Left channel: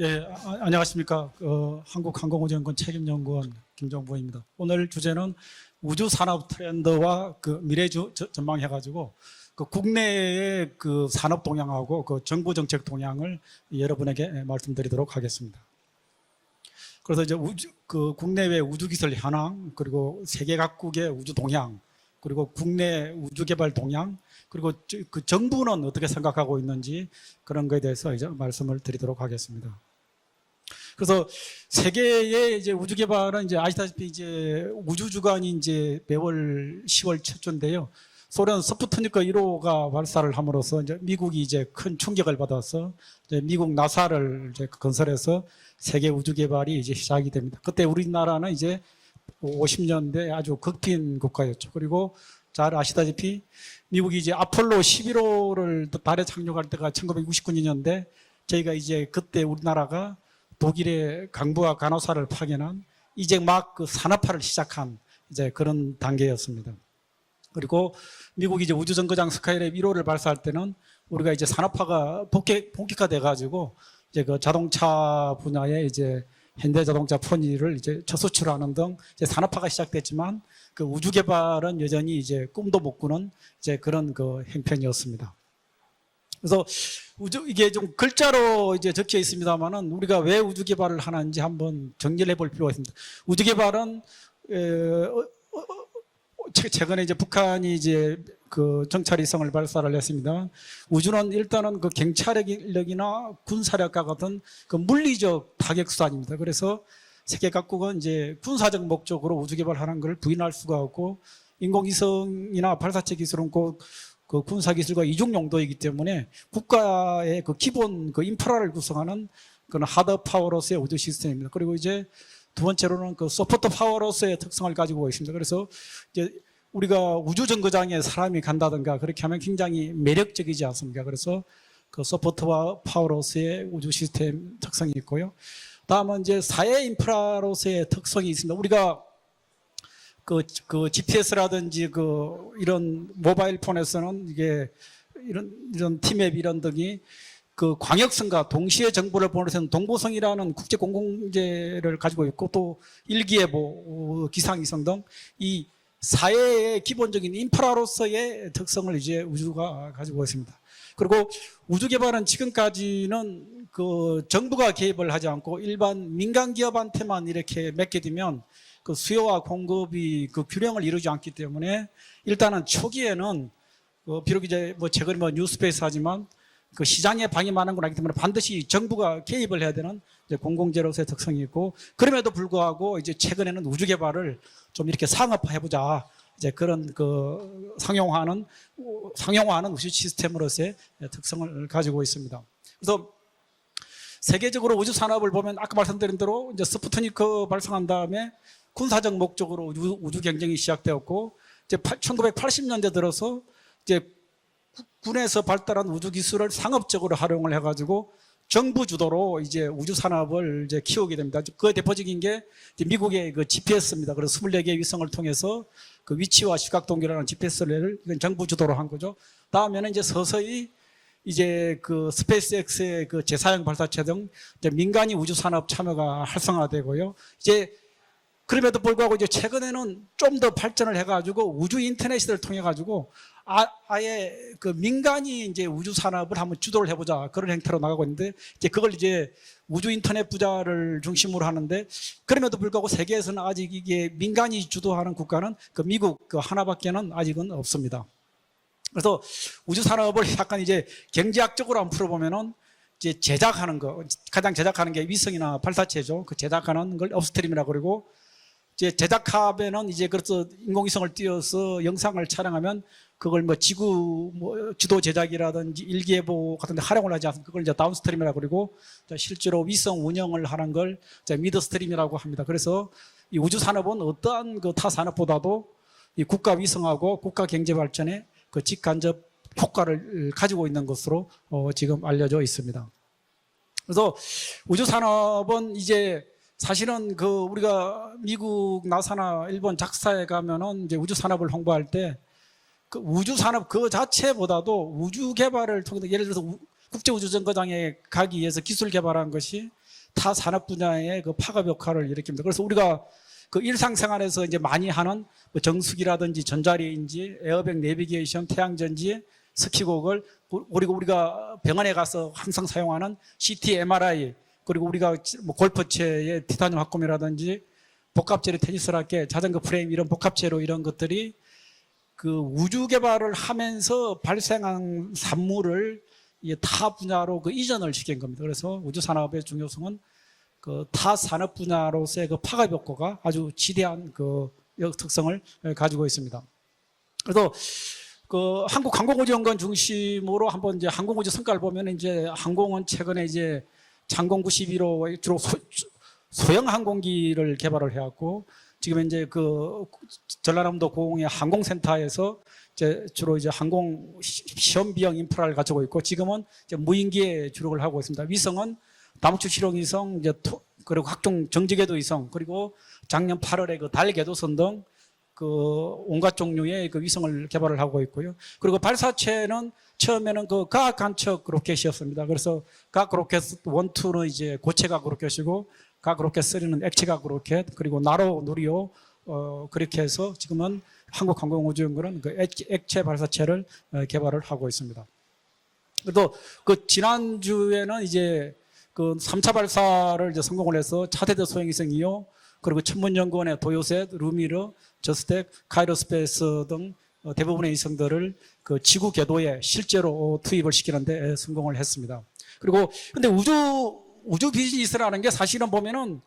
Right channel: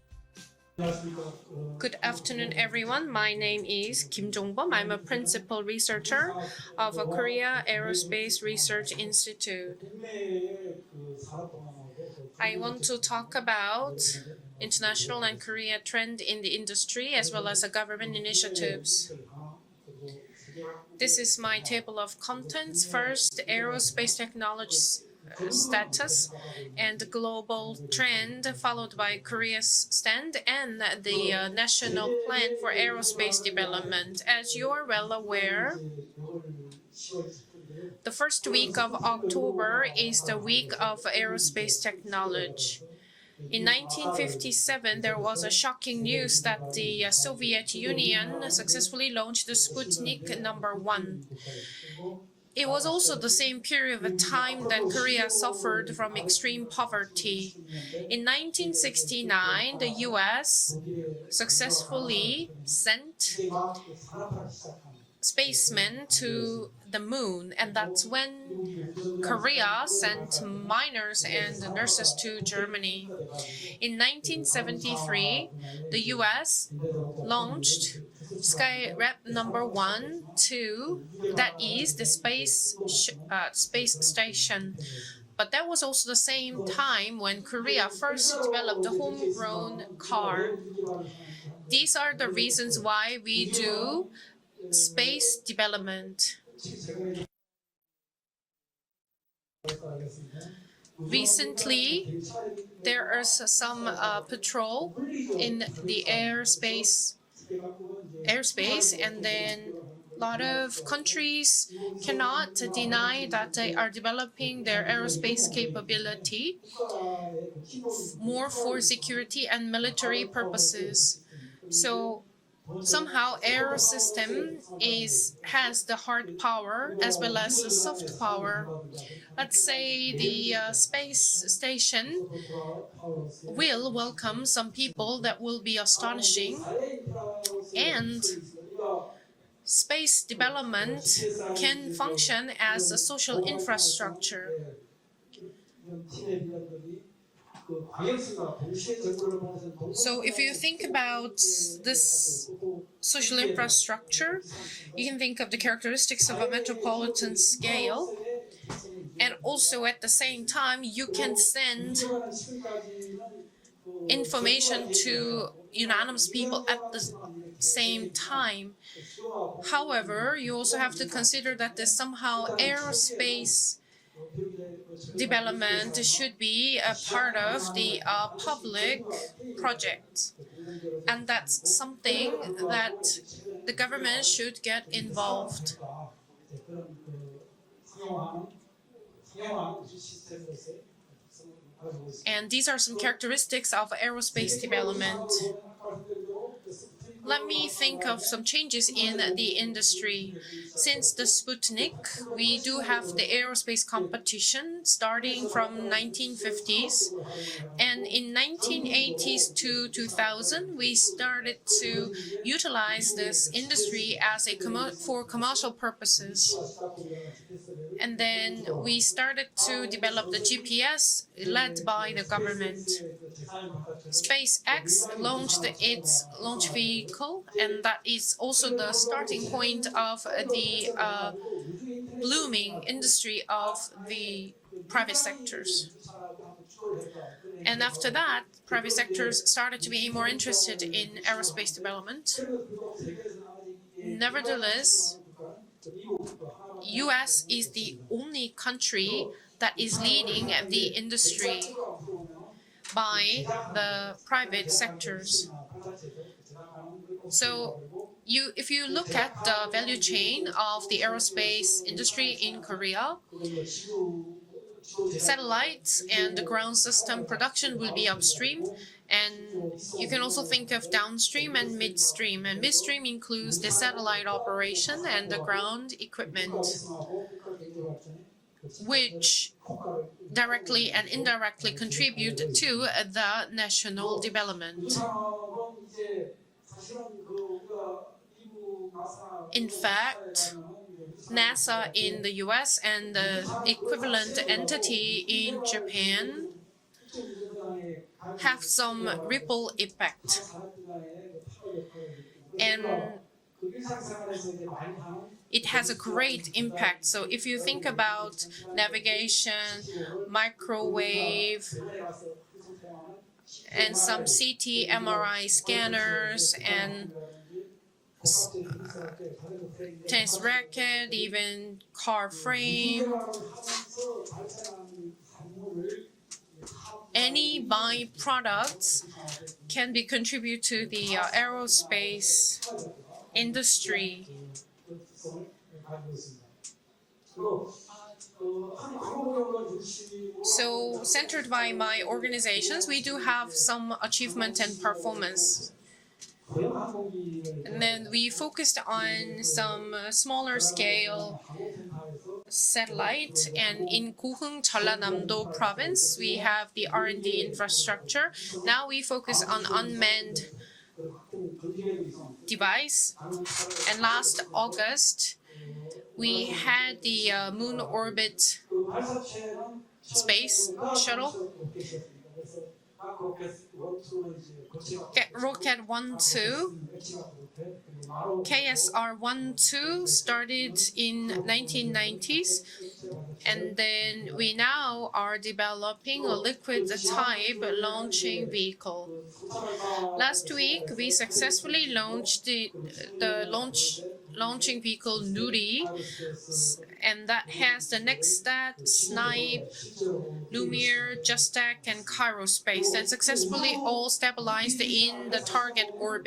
예, 아, 안녕하십니까. 어, Good 한국항공우주연구원 afternoon, everyone. My name is 김종범입니다. Kim Jong-bom. 오늘 I'm a 주제는 우주 산업 of 트렌드와 Korea 그 미래 Aerospace 전망해가지고 Institute. 그 국내의 그 산업 동향하고 그 I 정부 want 정책 to 동향을 about 여러분에게 말씀드리도록 international and 하겠습니다. Korea trend in the industry 그래서 as 이제 우주, 그 국내외 우주 initiatives. 기술 현황 그리고 세계 각국의 This 우주 is my 동향 table of 그리고 contents. 국내 First, 우주 개발 동향 aerospace 그리고 저- 그 정부는 어떻게 status 생각하고 and 있는지 global 그런 거에 대해서 이제 trend 말씀을 followed by 드리도록 하겠습니다. Korea's 그래서 uh, 세계의 이제 우주 개발은 이제 아시다시피. 이제 우주 주간이 aware, 이제 매월 10월 첫 주인데요. the first 소련 스푸트니크 1호가 October is 발사를 함으로써 미국이 이제 큰 충격을. 받아서 미국 나사를 이제 1957, there 건설해서 세계 우주 개발이 이제 uh, 시작이 됩니다. 그때 우리나라는 이제 successfully launched the 50년대 Sputnik 아주 one. 국가였죠. 그리고 잘 아시다시피 미국이 이제 아폴로 that Korea 11호를 suffered from 달에 extreme 착륙할 때가 poverty. 1969년인데 In 저희가 이제 그때 1969, 우리나라가. 독일의 강부와 간호사를 파견한 이제 막 그 산업화를 시작한 이제 그런 단계였습니다. 그리고 미국이 이제 우주 정거장 스카이랩 Korea 1호를 sent 발사할 때는 우리가 이제 산업화가 본격, Germany. 본격화 돼 가지고 in 이제 그 자동차 1973, 분야에 이제. 현대 자동차 포니를 launched 이제 첫 수출하는 등 이제 산업화가 시작됐지만 그 우주 개발은 여전히 이제 꿈도 못 꾸는 uh, 이제 그런 그. 형편이었습니다. 그래서 우주, 이게 좀 글자로 이제 적혀 있습니다만은 우리가 왜. 우주 개발을 하는지 한번 정리해 볼 필요가 있습니다. 우주 개발은 space development. 최- 최근에 이제 북한이 이제 그 정찰위성을 발사를 했습니다. 우주는 일단은 그 Recently, 경찰력이나 There are some 군사력과 uh, 같은 patrol 그 물리적 in 타격 the 수단입니다. 그래서. 세계 각국은 이제 airspace 군사적 and 목적으로 then 우주 개발하는 걸 A lot 부인할 수가 of 없고 countries cannot 인공위성이나 발사체 deny 기술은 that they 꼭 are 그 developing 군사 their 기술과 이중 aerospace 용도이기 때문에 capability 국가의 그 기본 그 more 인프라를 for 구성하는 security and 그런 하드 military 파워로서의 우주 purposes. 시스템입니다. 그리고 이제 So 두 번째로는 그 소프트 파워로서의 특성을 가지고 있습니다. 그래서 우리가 우주 정거장에 사람이. 간다든가 그렇게 하면 굉장히 매력적이지 uh, 않습니다. 그래서 그 소프트와 파워로서의 우주 시스템 특성이 있고요. 다음은 이제. 사회 인프라로서의 특성이 있습니다. 우리가 그, 그 GPS라든지 그 이런 모바일 폰에서는. 이게 이런 이런 티맵 이런 등이 그 광역성과 동시에 정보를 보내는 동보성이라는 국제 this 가지고 있고 또 일기예보, 기상위성 등 You can think of 이 the characteristics of 사회의 기본적인. 인프라로서의 특성을 이제 우주가 가지고 있습니다. 그리고 우주 개발은 지금까지는 그 정부가 개입을 하지 않고 일반 민간 기업한테만 이렇게 맡게 same 되면. 그 수요와 공급이 그 균형을 이루지 않기 때문에 일단은 초기에는 어, 비록 이제 뭐 최근에 뭐 뉴스페이스 하지만 그 시장에 방해 많은 건 아니기 때문에 반드시 정부가 개입을 해야 되는 공공재로서의 특성이 있고 그럼에도 불구하고 이제 최근에는 우주 개발을 좀 이렇게. 상업화해보자 이제 그런 그 상용화하는 상용화하는 우주 시스템으로서의 특성을 가지고 있습니다. 세계적으로 우주 산업을. 보면 아까 말씀드린 대로 이제 스푸트니크 발사한 다음에 군사적 목적으로 우주, 경쟁이 시작되었고 이제 Sputnik, 파- we do 1980년대 have 들어서 이제 군에서 발달한 우주 기술을 1950s. 상업적으로 활용을 해가지고 정부 주도로 1980s 이제 우주 산업을 2000, 이제 키우게 됩니다. started 그 대표적인 게 미국의 그 GPS입니다. 그래서 as a 24개의 commer- 위성을 for 통해서 그. 위치와 시각 동기라는 GPS를 정부 then 주도로 한 거죠. 다음에는 이제 서서히 GPS 이제 그 스페이스X의 그 재사용 발사체 등 민간이 우주 산업 참여가 활성화되고요. 이제 그럼에도 불구하고 이제 최근에는 좀 더 발전을 uh, 해가지고 우주 인터넷을 통해 가지고 아, 아예 그 민간이 이제. 우주 산업을 한번 주도를 해보자 그런 행태로 나가고 있는데 이제 그걸 이제 우주 인터넷 부자를 중심으로 하는데. 그럼에도 불구하고 세계에서는 아직 이게 민간이 주도하는 국가는 그 미국 그 하나밖에는 아직은 없습니다. 그래서 우주 산업을 약간 이제 경제학적으로 한번 풀어보면은 이제 제작하는 거 가장 제작하는 게. 위성이나 발사체죠. 그 제작하는 걸 업스트림이라고 그러고 이제 value 이제 그래서 the 인공위성을 띄워서 영상을 촬영하면 그걸 뭐 지구 뭐 지도 제작이라든지 일기예보 같은 데 활용을 하지 않고 그걸 이제 다운스트림이라고 그러고 실제로 위성 운영을 하는 걸 미드스트림이라고 합니다. 그래서 이 우주 산업은 어떠한 그타 and the 산업보다도 이 국가 위성하고 국가 경제 발전에 그 직간접 효과를 가지고 있는 것으로 어, 지금 알려져 있습니다. 그래서. 우주 산업은 이제 사실은 그 우리가 미국 나사나 일본 작사에 가면은 이제 우주 산업을 홍보할 때 그 우주 산업 그 equivalent 자체보다도 우주 개발을 통해 예를 들어서 우- 국제우주정거장에 가기 위해서 기술 개발한 것이. 타 산업 분야의 그 파급 역할을 일으킵니다. 그래서 우리가 그 일상생활에서 이제 많이 하는 정수기라든지 전자레인지, 에어백 내비게이션, 태양전지, 습식옥을 그리고 우리가 병원에 가서 항상 사용하는 CT, MRI 그리고 우리가 MRI 뭐 골프채의 티타늄 합금이라든지 복합재료 테니스 라켓, 자전거 프레임 이런 복합재료 이런 것들이 그. 우주 개발을 하면서 발생한 산물을 이게 타 분야로 그 이전을 시킨 겁니다. 그래서 우주 산업의 중요성은 be contribute to 그 the 타 uh, 산업 분야로서의 그 파급 효과가 아주 지대한. 그 역- 특성을 가지고 있습니다. 그래서 그 한국 항공우주연구원 중심으로 한번 이제 항공우주 성과를 보면 이제 항공은 최근에 이제 장공 achievement and 91호 주로 performance. 소형 항공기를 개발을 Then we 해왔고 focused 지금 이제 on 그 some uh, smaller 전라남도 공항의 항공센터에서 이제 satellites 주로 이제 and 항공 in Kuhung, 시험 비용 Jeollanam-do 인프라를 가지고 있고 province, 지금은 we have 이제 the 무인기에 R&D 주력을 하고 있습니다. infrastructure. 위성은 Now we focus 다무투 on 실험 위성 이제 unmanned 토- 그리고 각종 정지궤도 위성 그리고 device. 작년 8월에 그 And 달 last 궤도선 등 August, 그 온갖 we 종류의 had 그 the, 위성을 uh, 개발을 moon 하고 있고요. orbit 그리고 발사체는 처음에는 그 space 과학 shuttle. 간척 로켓이었습니다. 그래서 로켓 1, 2는 이제 1, 과학 로켓 2, 3는 액체각 로켓 그리고 나로 1, 어, 2 그렇게 해서 지금은 started in 한국항공우주연구는 그 1990s. 액, 액체 발사체를 어, 개발을 하고 있습니다. 또 그 지난주에는 이제. 그 3차 발사를 이제 성공을 해서 we 차대대 successfully 소행성 인용 launched the- 그리고 천문연구원의 도요셋, 루미르, 저스텍. 카이로스페이스 등 어, 대부분의 위성들을 그 지구 궤도에 실제로 투입을 시키는데 성공을 했습니다. 그리고 근데 우주 우주 비즈니스라는 게 사실은 보면은.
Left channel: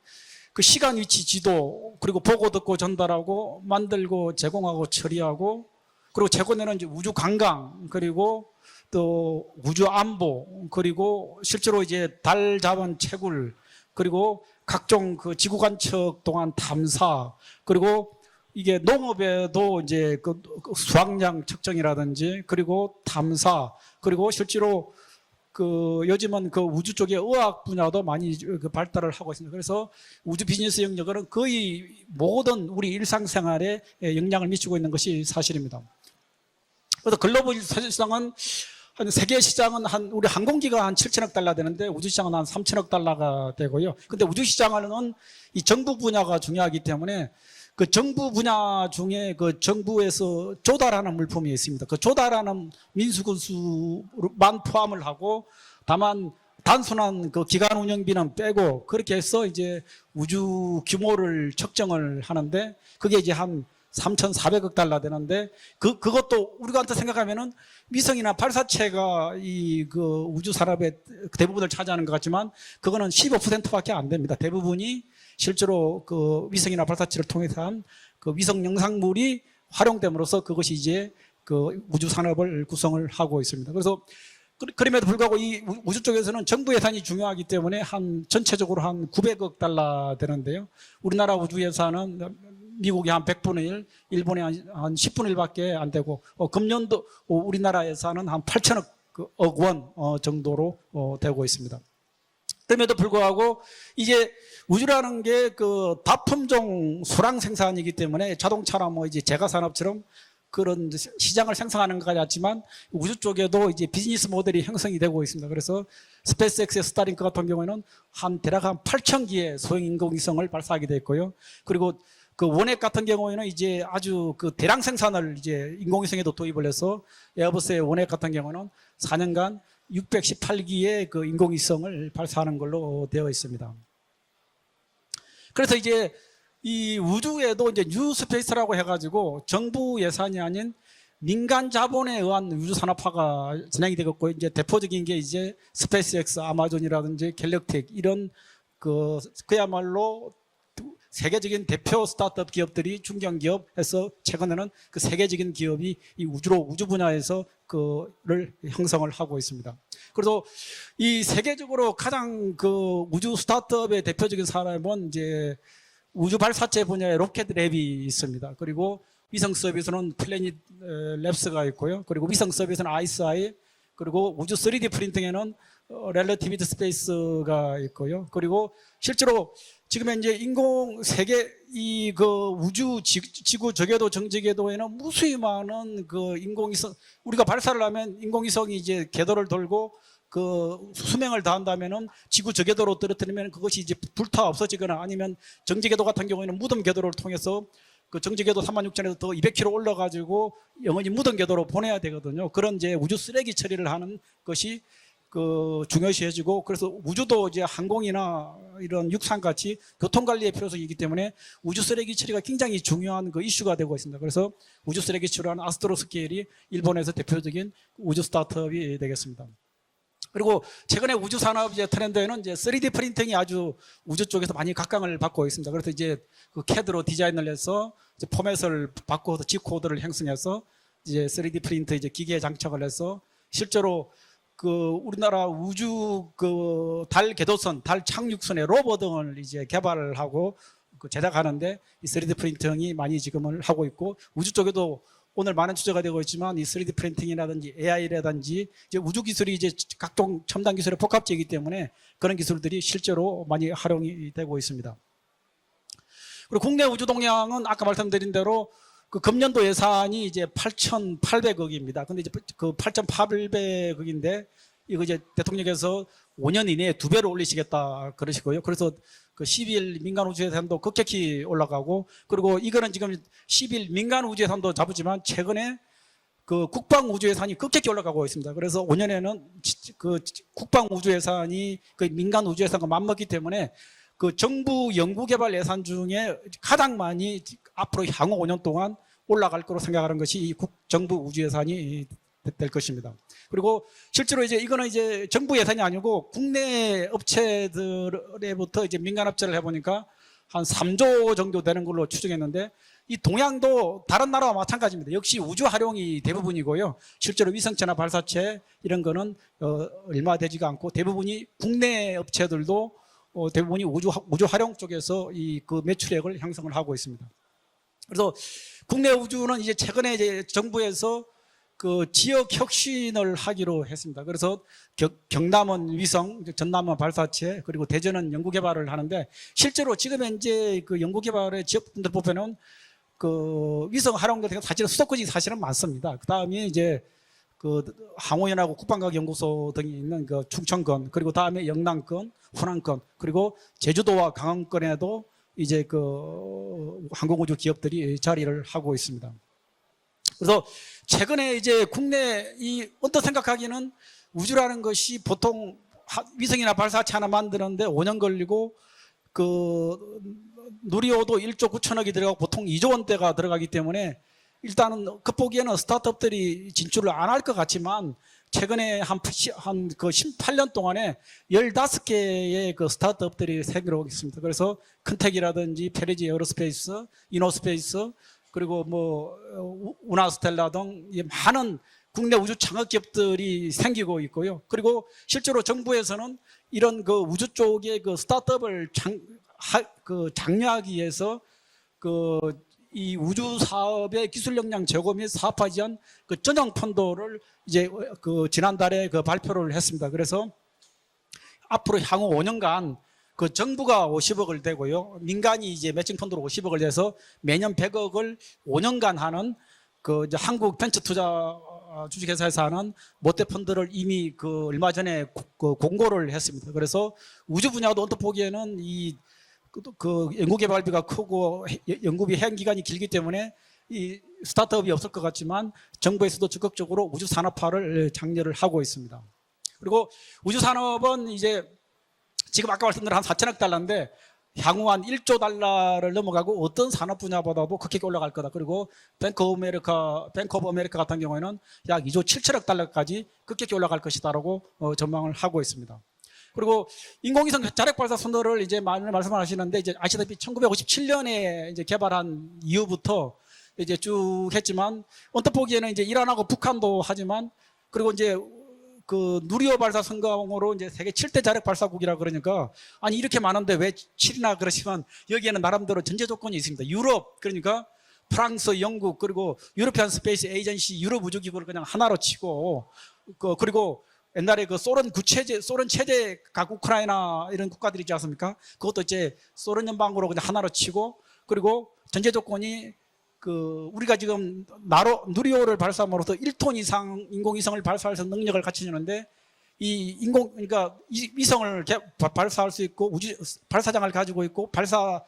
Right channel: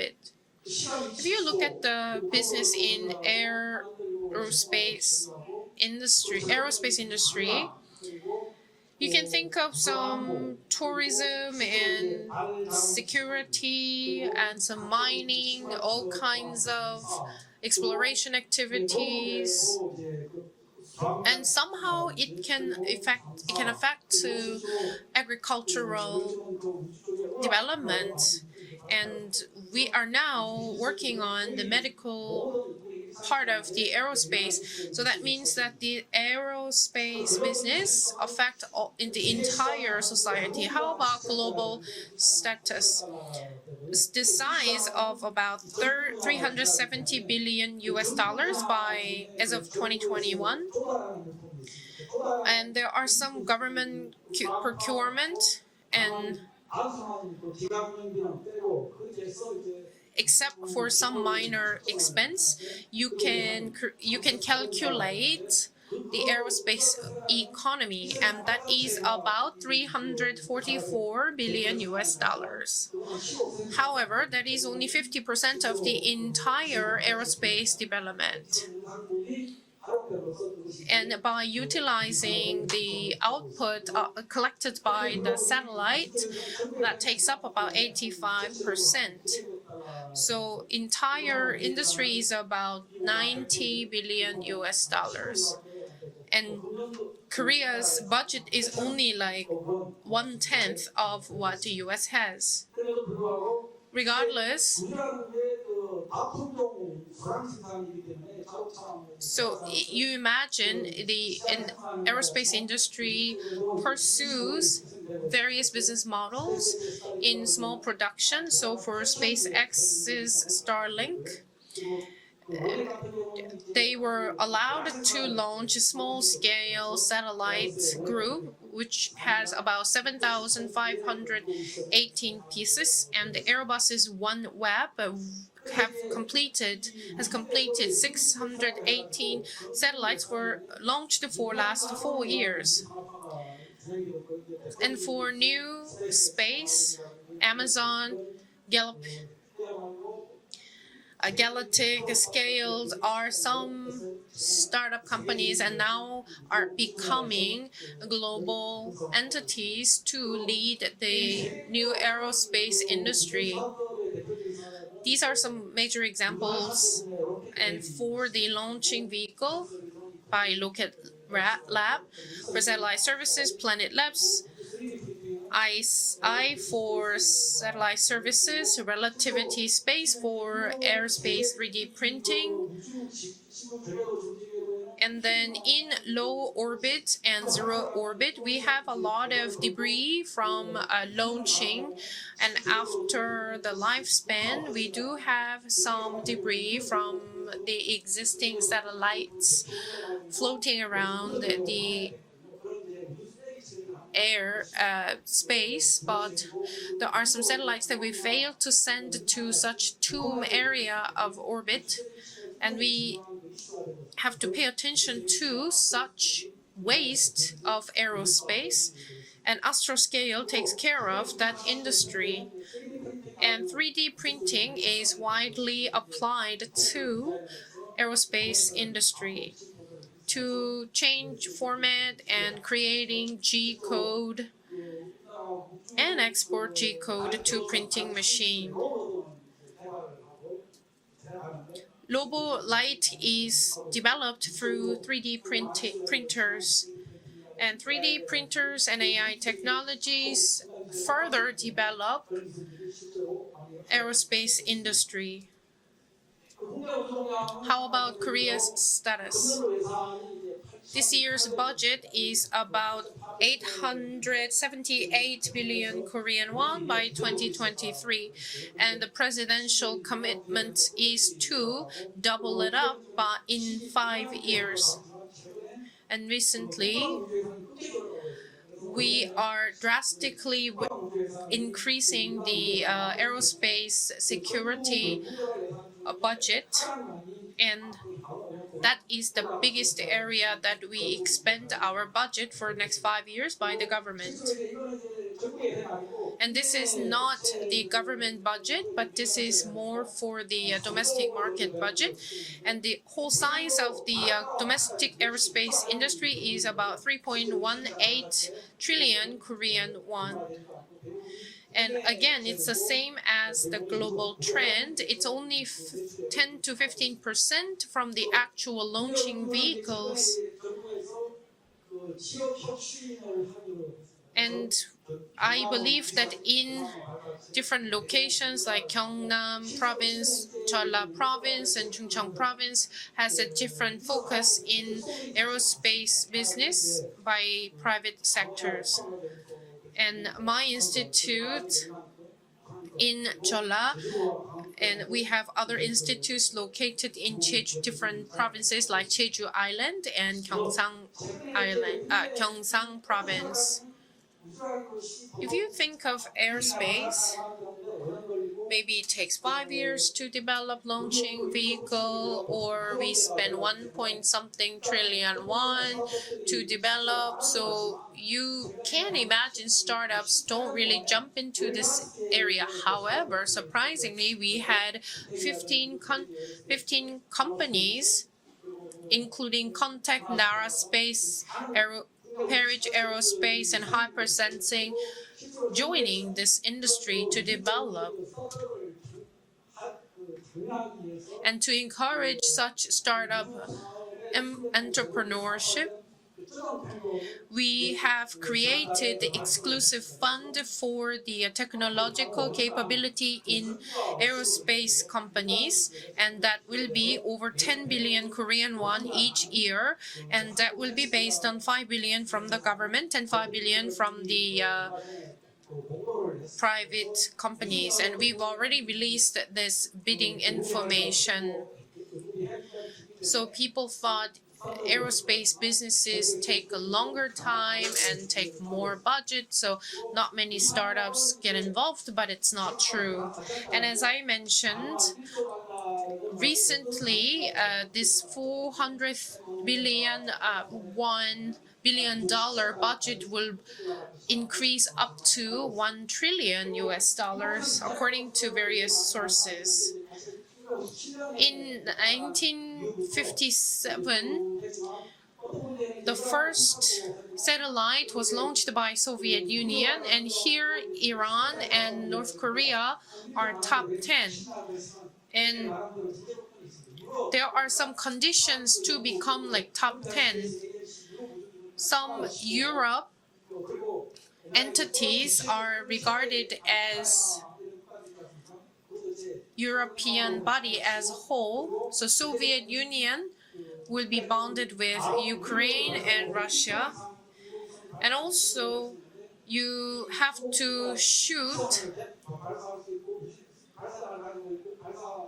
그 시간 위치 지도 그리고 보고 듣고 전달하고 만들고 제공하고 처리하고 그리고 최근에는 이제 우주 관광 그리고 또 우주 안보 그리고 실제로 이제 달 잡은 채굴 그리고 각종 그 지구 관측 동안 탐사 그리고 이게. 농업에도 이제 그 수확량 측정이라든지 그리고 affect 그리고 실제로 그 요즘은 그 우주 쪽의 의학 분야도. 많이 그 발달을 하고 있습니다. 그래서 우주 비즈니스 영역은 거의 모든 우리 일상생활에 영향을. 미치고 있는 것이 사실입니다. 그래서 글로벌 the 세계 시장은 한 우리. 항공기가 한 How about 7천억 달러 되는데 우주 시장은 한 3천억 status? 달러가 되고요. 근데 우주 시장은 이 정부 분야가 중요하기 370 때문에 그 정부 분야 중에 그 정부에서 2021. 조달하는 물품이 있습니다. 그 조달하는 민수군수만 포함을 하고 다만 단순한 그 기간 운영비는 빼고 그렇게 해서 이제 우주 규모를 측정을 하는데 그게 이제 한 cr- you can 3,400억 달러 되는데 그 그것도 우리가 생각하면은 위성이나 발사체가 이 그 우주 산업의 344 대부분을 차지하는 것 같지만. 그거는 15%밖에 안 됩니다. 대부분이 50% 실제로 그 위성이나 발사체를 통해서 그. 위성 영상물이 활용됨으로써 그것이 이제 그 우주 산업을 구성을 하고 있습니다. 그래서 uh, 그럼에도 불구하고 이 우주 쪽에서는 정부 예산이 중요하기 때문에 한 전체적으로 한 85%. 900억 달러 되는데요. 우리나라 우주 예산은 미국의 한 100분의 90 1, billion 일본의 한, 한 10분의 dollars. 1밖에 안 되고 어, 금년도 우리나라 예산은 한 budget is 8천억 only like 억원 어, 정도로 어, 되고 있습니다. 그럼에도 불구하고 이제 우주라는 게 그 다품종 수량 생산이기 때문에 자동차나 뭐 이제 제가 so 산업처럼 그런 시장을 생성하는 것 같지만 우주 쪽에도 이제 비즈니스 모델이 형성이 되고 있습니다. 그래서 스페이스X의 스타링크 같은 경우는 한. 대략 한 So for 8천 개의 소형 인공위성을 발사하게 됐고요. 그리고 그 원액 같은 경우에는 이제 아주 그 대량 생산을 이제 인공위성에도 도입을 해서 에어버스의 원액 같은 경우는 which 4년간 has about 618기의 그 인공위성을 18 발사하는 걸로 되어 있습니다. Uh, 그래서 이제 이 우주에도 이제 뉴 스페이스라고 해가지고 정부 예산이 아닌 민간 자본에 의한 우주 산업화가 진행이 되었고 이제 대표적인 게 이제 스페이스X, 아마존이라든지 갤럭틱 이런 그 그야말로 세계적인 대표 스타트업 기업들이 중견 기업에서 최근에는 그 세계적인 기업이 이 우주로 우주 분야에서 그를 형성을 하고 있습니다. 그래서 이 세계적으로 가장 그 우주. 스타트업의 대표적인 사람은 이제 우주 발사체 분야의 로켓 랩이 있습니다. 그리고 위성 서비스는 플래닛 어, 랩스가 있고요. 그리고 위성 서비스는 Planet 그리고 우주 3D 프린팅에는 어, 렐러티비티 스페이스가 있고요. 그리고 실제로 지금 이제 for 인공 세계 aerospace 3D 이그 printing. 우주 지, 지구 저궤도 정지궤도에는 무수히 많은 그 인공위성 우리가 발사를 하면 인공위성이 이제 궤도를 돌고 그 uh, 수명을. 다한다면은 지구 저궤도로 떨어뜨리면 그것이 이제 불타 없어지거나 아니면 정지궤도 같은 경우에는 무덤 궤도를 통해서 그 정지궤도 3만 6천에서 또 200km 올라가지고 영원히 무덤 궤도로 보내야 되거든요. 그런 이제 우주 쓰레기 처리를 하는 것이 uh, 그. 중요시해지고 그래서 우주도 이제 항공이나 이런 send 육상 to 같이 such 교통 관리에 true 필요성이 있기 area 때문에. 우주 쓰레기 처리가 굉장히 중요한 그 이슈가 되고 있습니다. 그래서 우주 쓰레기 to 아스트로스케일이 일본에서 대표적인 우주 스타트업이. 되겠습니다. 그리고 최근에 우주 산업 이제 트렌드에는. 이제 3D 프린팅이 아주 And 3D 우주 쪽에서 많이 각광을 받고 있습니다. 그래서 이제 그 CAD로 디자인을 해서 그 포맷을 바꿔서 G 코드를 행성해서 to 이제 change 3D 프린터 이제 기계에 장착을 해서 실제로 그 우리나라 우주 그 달 궤도선, 달 착륙선의. 로버 등을 이제 개발을 하고 그 제작하는데 이 3D Lobo 프린팅이 많이 지금을 하고 있고 우주 쪽에도 through 3D 오늘 많은 주제가 되고 있지만 이 printers 3D 프린팅이라든지 and 3D AI라든지 우주 기술이 이제 각종 첨단 기술의 복합체이기 때문에 그런 기술들이 실제로 많이 활용이 되고 있습니다. 그리고 국내 우주 동향은 아까 말씀드린 대로 그? 금년도 예산이 이제 This year's 8,800억입니다. budget 근데 is 그 about 8,800억인데 이거 이제 878 대통령께서 billion Korean 5년 won 이내에 두 배로 올리시겠다 2023. 그러시고요. 그래서 그 presidential 10일 민간 우주 예산도 commitment 급격히 올라가고 그리고 이거는 지금 by- in 10일 five 민간 우주 예산도 years. 잡으지만 최근에 그 국방 우주 예산이 급격히 올라가고 있습니다. 그래서 5년에는 are 그 국방 우주 예산이 그 increasing 민간 the 우주 예산과 uh, 맞먹기 때문에 그 정부 연구개발 예산 중에. 가장 많이 앞으로 향후 5년 동안 올라갈 biggest 생각하는 것이 정부 우주 예산이 our budget 될 것입니다. 그리고. 실제로 이제 이거는 이제 정부 예산이 아니고 국내 업체들로부터 이제 민간 is 해보니까 한 uh, 3조 domestic 정도 되는 걸로. 추정했는데 이 동양도 the 다른 uh, 나라와 마찬가지입니다. 역시 우주 활용 is 대부분이고요. 실제로 위성체나 3.18 발사체 이런 거는 어, 얼마. 되지가 않고 대부분이 국내 업체들도 어, 대부분이 우주 우주 활용. 쪽에서 이 그 매출액을 10 to 형성을 하고 있습니다. 15% from 그래서 국내 우주는 이제 최근에. 이제 정부에서 그 지역 혁신을 하기로 했습니다. 그래서 And 겨, 경남은 I believe 위성, that 전남은 발사체, 그리고 different 대전은 locations 연구 개발을 like 하는데 Gyeongnam 실제로 지금 province, 현재 그 Jeolla 연구 개발의 province, and 지역들 보면은 province has a 그 different 위성 focus 대해서 사실은 in 수도권이 사실은 많습니다. aerospace 그다음에 이제 by 그 private sectors. 국방과학연구소 등이 있는 And 그 my 충청권 그리고 다음에 institute 영남권, 호남권 그리고 제주도와 강원권에도 이제 그 항공우주 Jeju, 기업들이 자리를 하고 있습니다. 그래서 최근에 이제 국내 uh, 이 어떤. 생각하기는 우주라는 것이 보통 위성이나 발사체 하나 만드는데 5년 걸리고 그 누리호도 launching 1조 9천억이 들어가고 보통 vehicle, 2조 or we 원대가 들어가기 1 때문에 일단 won 스타트업들이 진출을 안 할 것. 같지만 최근에 can 한 imagine 그 startups 18년 don't 동안에 really jump into this 15개의 area. 그 스타트업들이 surprisingly, 있습니다. 그래서 had 컨텍이라든지 15 페리지 com- 에어로스페이스, 15 이노스페이스 그리고 뭐 어, 우나스텔라 등 많은 국내 우주 창업 기업들이 Aerospace and 생기고 있고요. 그리고 실제로 정부에서는 이런 그 우주 쪽의 그 스타트업을 장, 하, 그 장려하기 위해서 그 이 우주 사업의 기술 역량 제고 및 사업하기 위한 그 전용 펀드를 이제 그 지난달에 그 발표를 했습니다. 그래서 앞으로 향후 technological 5년간 capability 그 정부가 50억을 aerospace 대고요. 민간이 이제 매칭 펀드로 and that 50억을 will 내서 be over 매년 10 billion 100억을 Korean 5년간 won 하는 그 이제 한국 벤처 투자 based on 5 billion from the 주식회사에서 하는 모태 5 펀드를 이미 그 얼마 uh, 전에 고- 그 공고를 했습니다. 그래서 우주 분야도. 어떻게 보기에는 이 그 연구개발비가. 크고 해- 연구비 해양 기간이 길기 때문에 이 스타트업이 없을 것 같지만 정부에서도 적극적으로 우주 산업화를 예, 장려를 하고 있습니다. 그리고 우주 산업은 이제 지금 아까 말씀드린 한 true. 4천억 And 달러인데 향후 한 1조 달러를 넘어가고 어떤 산업 분야보다도 uh, 크게 this 올라갈 거다. 그리고 400 뱅크 오브 billion, 뱅크 오브 uh, 아메리카 같은 경우에는 약 billion 2조 7천억 dollar 달러까지 급격히 올라갈 것이다라고 어, 전망을 하고 있습니다. 1 trillion 그리고 인공위성 자력 발사 선도를 이제 많이 말씀하시는데. 이제 아시다시피 1957년에 In 이제 개발한 1957, 이후부터 이제 쭉 했지만 언뜻 보기에는 이제 이란하고 북한도 하지만 그리고 이제 그 누리호 발사 성공으로 이제 세계 Iran 7대 자력 발사국이라 그러니까 아니 이렇게 많은데 왜 top 10. 7이나 그러시면 여기에는 나름대로 전제 조건이 있습니다. 유럽 그러니까 프랑스, 영국 그리고 10. 스페이스 에이전시 유럽 우주 기구를 그냥 Some 하나로 치고 그 그리고 옛날에 그 소련 are 소련 체제 각 우크라이나 이런 국가들이 있지 않습니까? 그것도 이제 소련 연방으로 그냥 하나로 치고. 그리고 전제 조건이 그 우리가 지금 나로 누리호를 발사함으로써 and 1톤 Russia. 이상 인공위성을 발사해서 능력을 갖추는데 이 you have 인공 to 그러니까 이- shoot 위성을 개- 바- 발사할 수 있고 우주 발사장을 가지고 있고 발사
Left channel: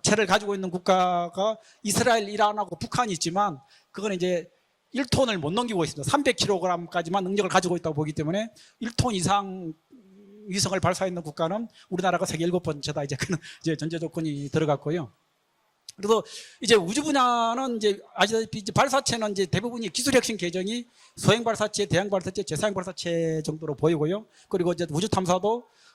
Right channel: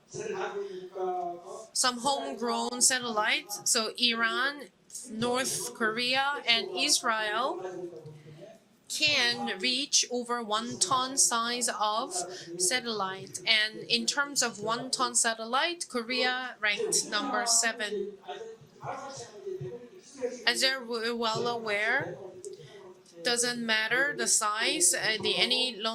체를 가지고 있는 국가가 이스라엘, 이란하고 북한이 있지만 그건 이제 1톤을 못 넘기고 있습니다. Korea 300kg까지만 and 능력을 가지고 있다고 보기 때문에 1톤 이상 위성을 발사했는 국가는 우리나라가 세계 일곱 번째다. 이제 그런. 이제 And 전제 in 조건이 terms of 들어갔고요. 그리고 이제 우주 분야는. 이제 아시다시피 이제 발사체는 이제 대부분이 기술 혁신 계절이 소형 발사체, 대형 발사체, 제사형 발사체 정도로 보이고요. 그리고 이제 우주 탐사도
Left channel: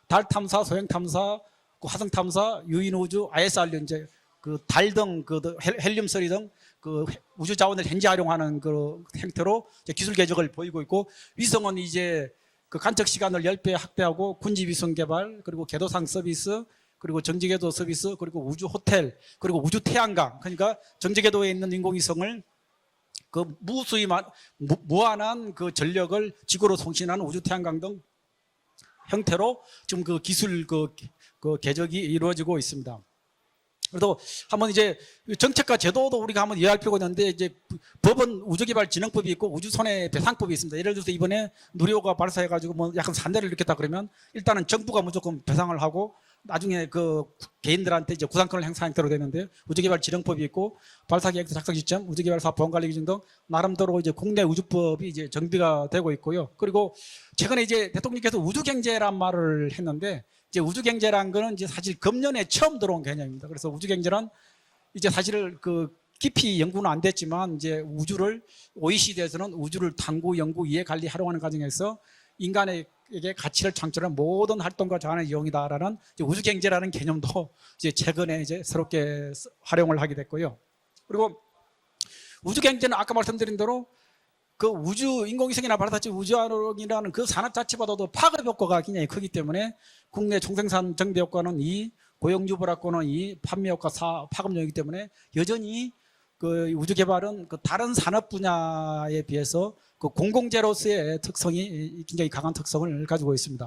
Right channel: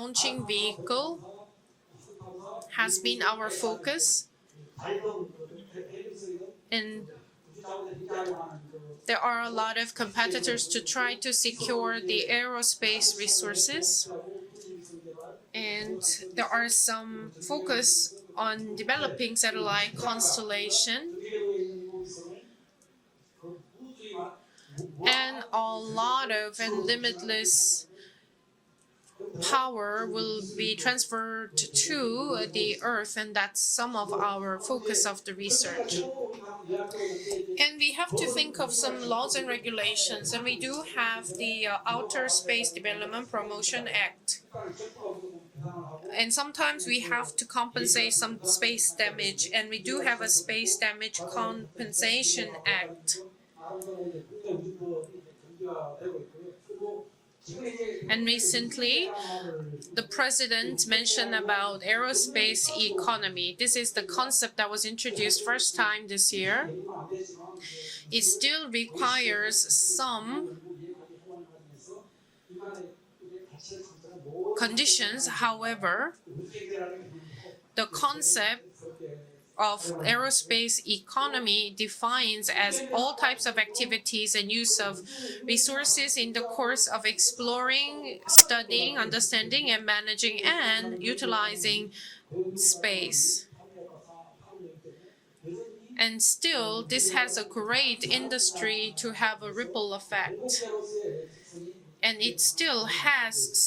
달 탐사, 소형 탐사, 그 화성 탐사, 유인 우주, been our ISR 이제 focus. 그 달 등 그 헬륨 서리 등그 And 우주 자원을 현지 활용하는 그 형태로 기술 개혁을 보이고 있고 위성은 이제 그 간척 시간을 10배 resources. 확대하고 군지 위성 개발 그리고 궤도상 서비스 그리고 정지 궤도 focus 서비스 그리고 우주 호텔 그리고 우주 태양각 그러니까 constellation. 정지 궤도에 있는 인공위성을 그 무수히만 무, 무한한 그 전력을 지구로 송신하는 우주 태양광 등 형태로 지금 그 기술 그 그 개혁이 이루어지고 있습니다. 또 한번 이제 정책과. 제도도 우리가 한번 이해할 필요가 있는데 이제 법은 우주개발진흥법이 있고 우주선의. 배상법이 we 있습니다. 예를 들어서 이번에 uh, 누리호가 Outer 발사해가지고 뭐 약간 산대를 일으켰다 그러면 일단은 정부가 무조건 배상을 하고 나중에 그 개인들한테 이제 부상권을 행사하게 되는데 우주개발진흥법이 있고 발사계획 작성 시점, 우주개발사 보험관리 기준 등 나름대로 이제 국내 우주법이 이제 정비가 되고 있고요. 그리고 최근에 이제 대통령께서 우주 경제란 말을 했는데 이제 우주 경제라는 거는 이제 사실 금년에 처음 들어온. 개념입니다. 그래서 우주 경제란 이제 first 그 깊이. 연구는 안 됐지만 이제 우주를 OECD에서는 우주를 탐구, 연구, 이해, 관리, 활용하는 과정에서 인간에게 가치를 창출하는 모든 활동과 however, 이제 우주 경제라는 개념도 이제 최근에 이제 새롭게 활용을 하게 됐고요. 우주 경제는 아까 말씀드린 대로 그 우주 인공위성이나 of 우주화론이라는 그 산업 자체보다도 파급 효과가 굉장히 크기 때문에 국내 생산 and 정비 효과는 이 utilizing 고용 유불화권은 이 space. 판매 효과 사 파급력이기 때문에 여전히 그 우주 개발은 그 다른 산업 분야에 비해서 그. 공공재로서의 특성이 굉장히 강한 특성을 가지고 있습니다.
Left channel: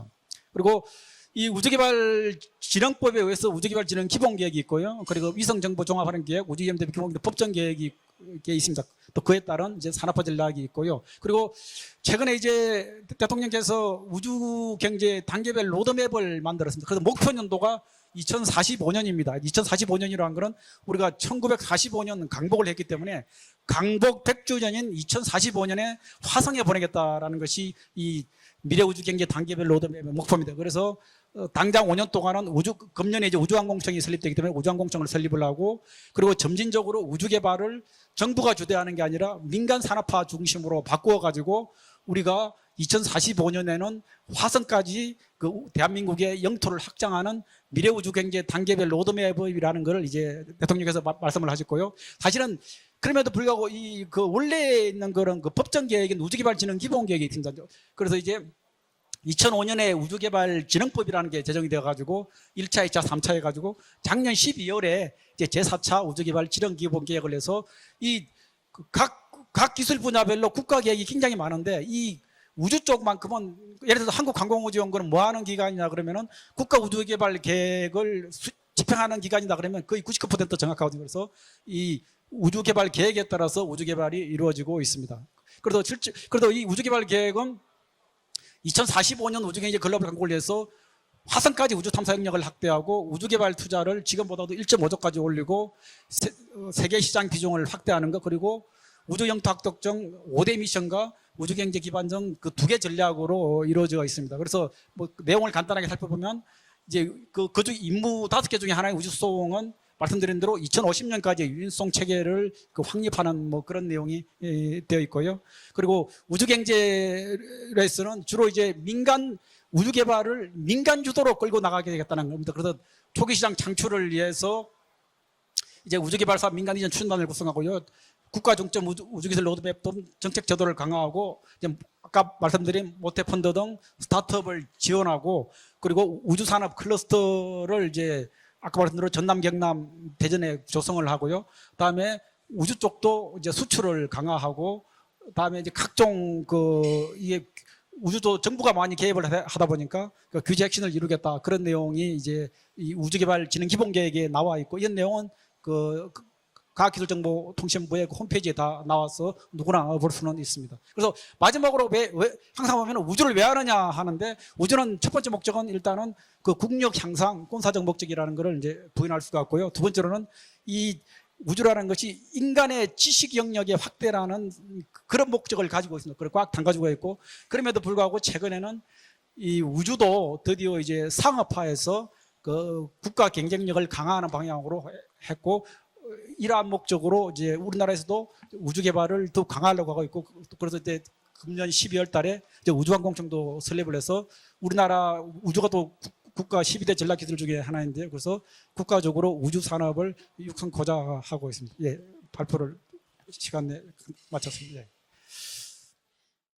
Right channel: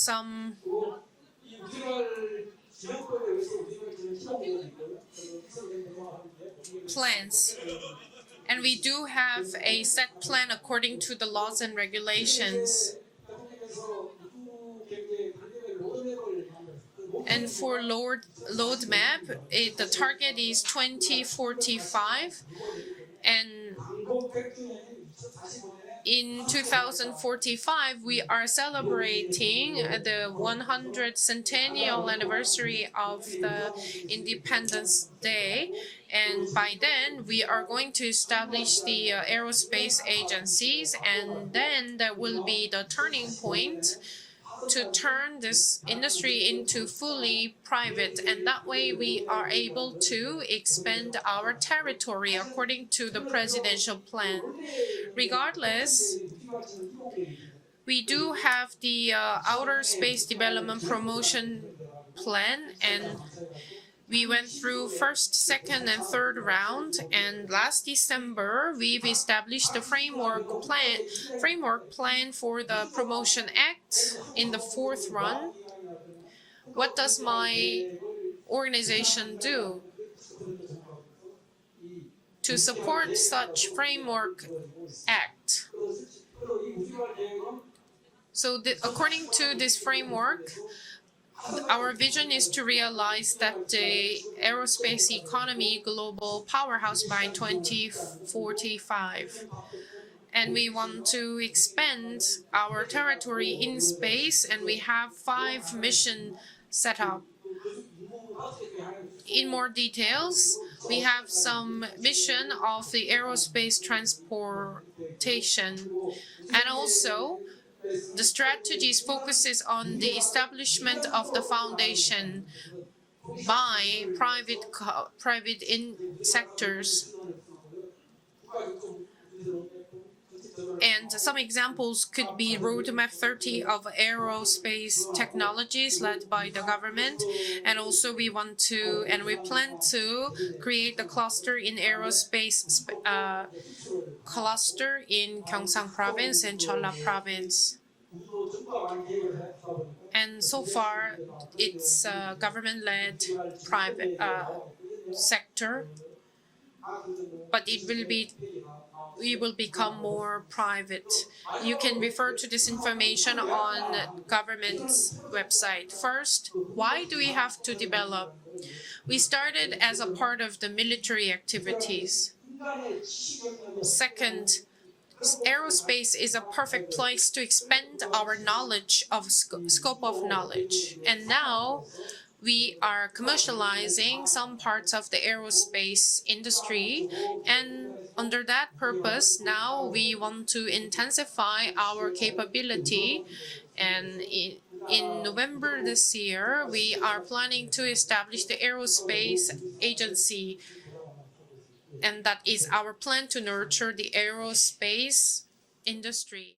그리고 이 우주개발진흥법에 의해서 우주개발진흥 기본 계획이 있고요. 그리고 위성정보 종합하는 계획, 우주위험대비 Plans. 법정 계획이 돼 있습니다. 그에 have 따른 이제 산업화 전략이 있고요. 그리고 최근에. 이제 대통령께서 우주 경제 단계별 로드맵을 만들었습니다. 그래서 목표 연도가 for Lord- 2045년입니다. roadmap, 2045년이라는 the 것은 우리가 1945년 2045 강복을 했기 때문에 강복 100주년인 2045년에 in 화성에 보내겠다라는 것이 2045, we 이 미래 우주 경제 단계별 로드 celebrating the 목표입니다. 그래서 100th 당장 5년 centennial 동안은 우주 금년에 이제 우주항공청이 설립되기 때문에 우주항공청을 설립을. 하고 그리고 점진적으로 우주 개발을 정부가 주도하는 게 uh, 아니라 민간 산업화 중심으로 바꾸어 가지고 우리가 will be the turning 2045년에는 point 화성까지 그 대한민국의 영토를 확장하는 미래 우주 경제 단계별 way we 로드맵을 are 이라는 able 것을 이제 대통령께서 말씀을 하셨고요. 사실은 그럼에도 불구하고 그. 원래 있는 그런 그 법정 계획인 우주개발진흥 기본 계획이 있습니다. We 그래서 이제 have the uh, 2005년에 Outer Space 우주개발 Development 진흥법이라는 게 제정이 되어 가지고 Plan, 1차, 2차, and 3차 해 가지고 We 작년 went through 12월에 first, 이제 second, 제4차 and 우주개발 third 진흥 round, 기본 계획을 and 해서 각, 기술 분야별로 국가 plan- 계획이 굉장히 많은데 이 우주 쪽만큼은 예를 들어서 fourth 뭐 하는. 기관이냐 그러면은 국가 What does 우주개발 my 계획을 집행하는 기관이라 do? 그러면 거의 99% 정확하거든요. 그래서 이 우주개발 계획에 따라서 우주개발이 이루어지고 있습니다. 그래도 실제 그래도 이 우주개발 계획은 So the, according 2045년 to 우주경제 글로벌 공고에서 화성까지 우주 탐사 능력을 확대하고 우주 개발 that 투자를 지금보다 aerospace 1.5조까지 올리고 세계 시장 비중을 확대하는 것 그리고 2045. 우주 영토 And 5대 we 미션과 우주 경제 기반 등 expand 그두 개 전략으로 이루어져 있습니다. 그래서 뭐 내용을 간단하게 살펴보면 set 이제. 그 그중 임무 다섯 개 중에 하나의 우주 In more 소음은 details, 말씀드린 대로 we have 2050년까지 some 윤송 체계를 그 of the 확립하는 뭐 aerospace 그런 내용이 예, 되어 있고요. transportation. 그리고 우주 And also, 경제에서는 the 주로 이제 strategies 민간 focuses on 우주 the 개발을 establishment 민간 주도로 of the 끌고 나가겠다는 foundation 겁니다. 그래서 초기 시장 by 창출을 위해서 private co- private in 이제 우주 개발사 민간 인연 sectors. 추진단을 구성하고요. 국가 중점 우주, 우주기술 로드맵 등 정책 제도를 강화하고 아까 말씀드린 roadmap 모태 펀드 30등 스타트업을 지원하고 그리고 led by 우주 the 산업 government. 클러스터를 이제 아까 말씀드린 전남 경남 대전에 조성을 하고요. aerospace 우주 쪽도 uh, 이제 수출을 강화하고 그다음에 이제 각종 그. 우주도 정부가 많이 개입을 하- 하다 보니까 그 규제 핵심을 이루겠다 그런 내용이 uh, 이제 우주개발 진흥 기본계획에 private, uh, 나와 있고 이런 내용은. 그 과학기술정보통신부의 홈페이지에 다 나와서 누구나 볼 수는 있습니다. private. 그래서 마지막으로 왜, 왜 항상 하면 우주를 왜 하느냐 하는데 우주는 첫 번째 목적은. 일단은 그 국력 향상 군사적? 목적이라는 것을 이제 부인할 수 없고요. 두 번째로는 이 우주라는 것이. 인간의 지식 영역의 확대라는 그런 목적을 가지고 있습니다. 꽉 가지고 있고 그럼에도 불구하고 최근에는 이 우주도 드디어. 이제 상업화해서 그 we are 국가 경쟁력을 강화하는 some 방향으로 parts of the 했고 aerospace 이러한 industry. 목적으로 이제 우리나라에서도 under that 우주 개발을 더 강화하려고 하고 now we 있고 want to 그럴 때 intensify 작년 12월 our 달에. 우주항공청도 설립을 해서 우리나라 우주가 또 November this year, 국가 12대 we are 전략기술 중에 하나인데 그래서 establish the 국가적으로 aerospace 우주 산업을 agency. 육성고자 하고 있습니다. 예, And that is 발표를 our plan to 시간에 nurture the 마쳤습니다. aerospace industry.